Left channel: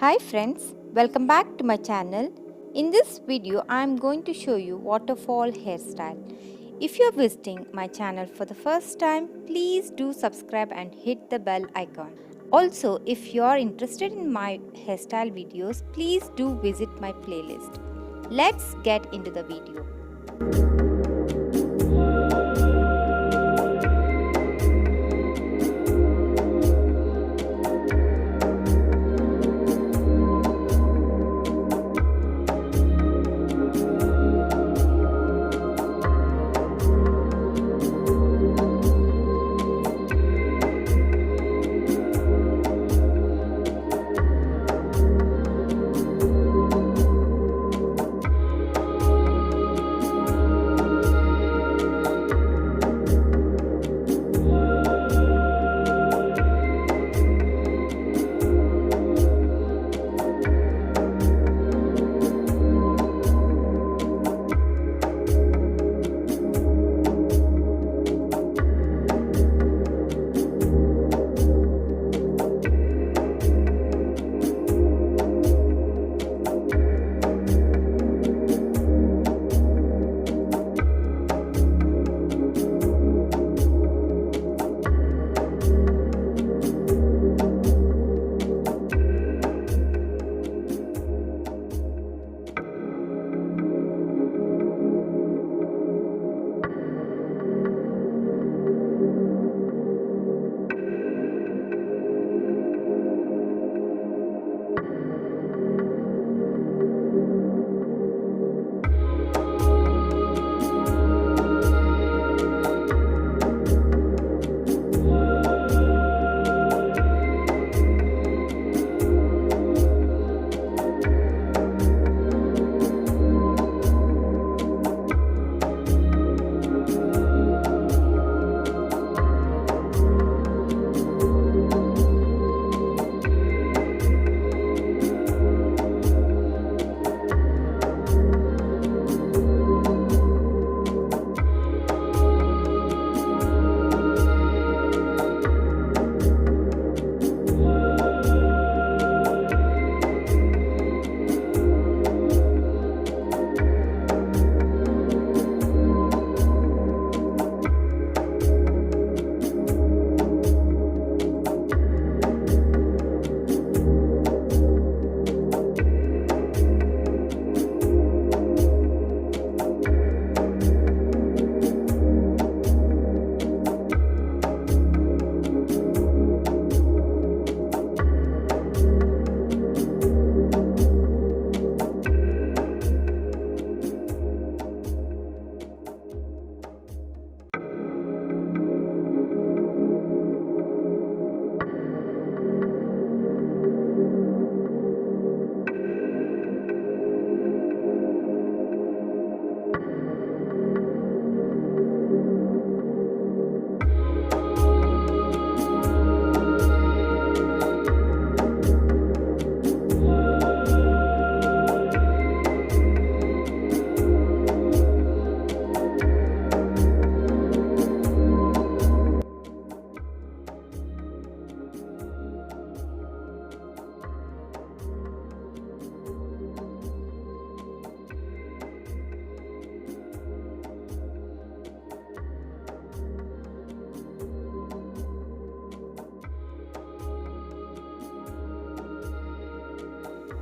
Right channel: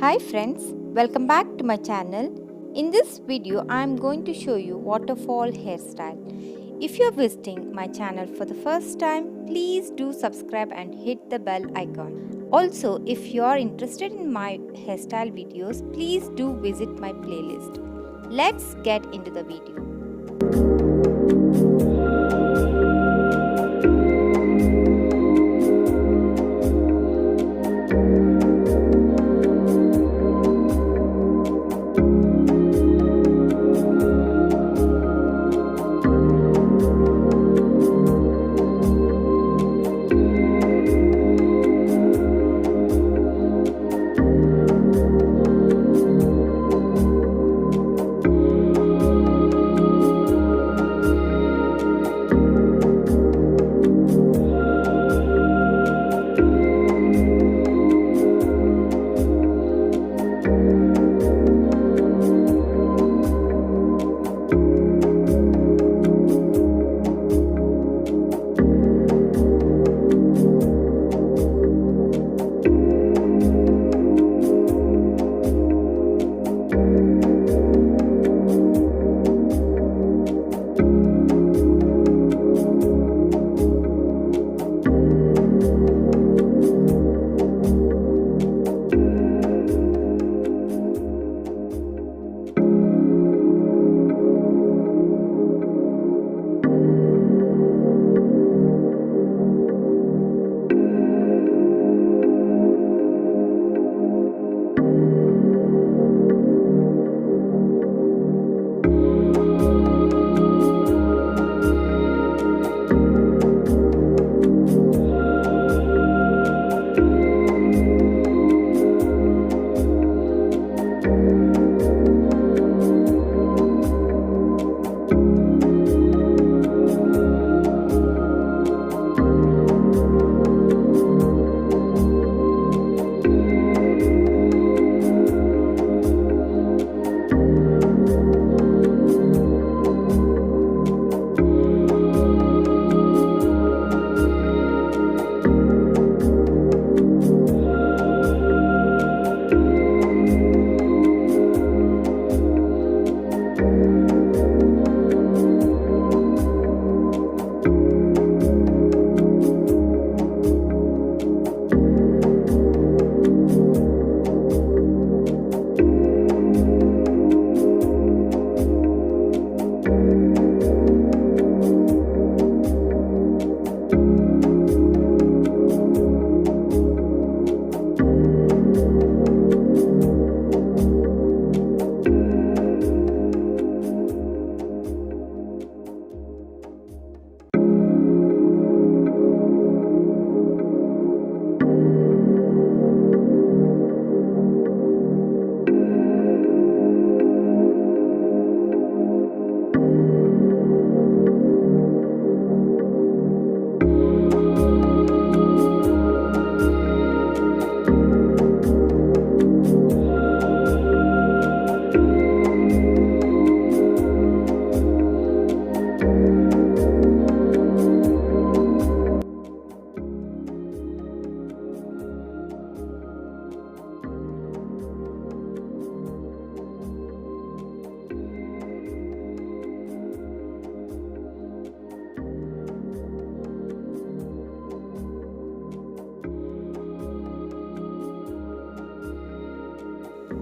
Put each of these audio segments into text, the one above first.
Hi friends, welcome back to my channel. In this video, I am going to show you waterfall hairstyle. If you are visiting my channel for the first time, please do subscribe and hit the bell icon. Also, if you are interested in my hairstyle videos, please do visit my playlist. Let's get into the video.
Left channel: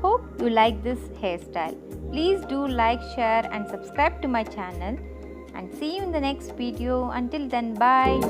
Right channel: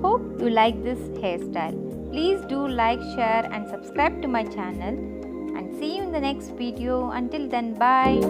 Hope you like this hairstyle. Please do like, share and subscribe to my channel, and see you in the next video. Until then, bye.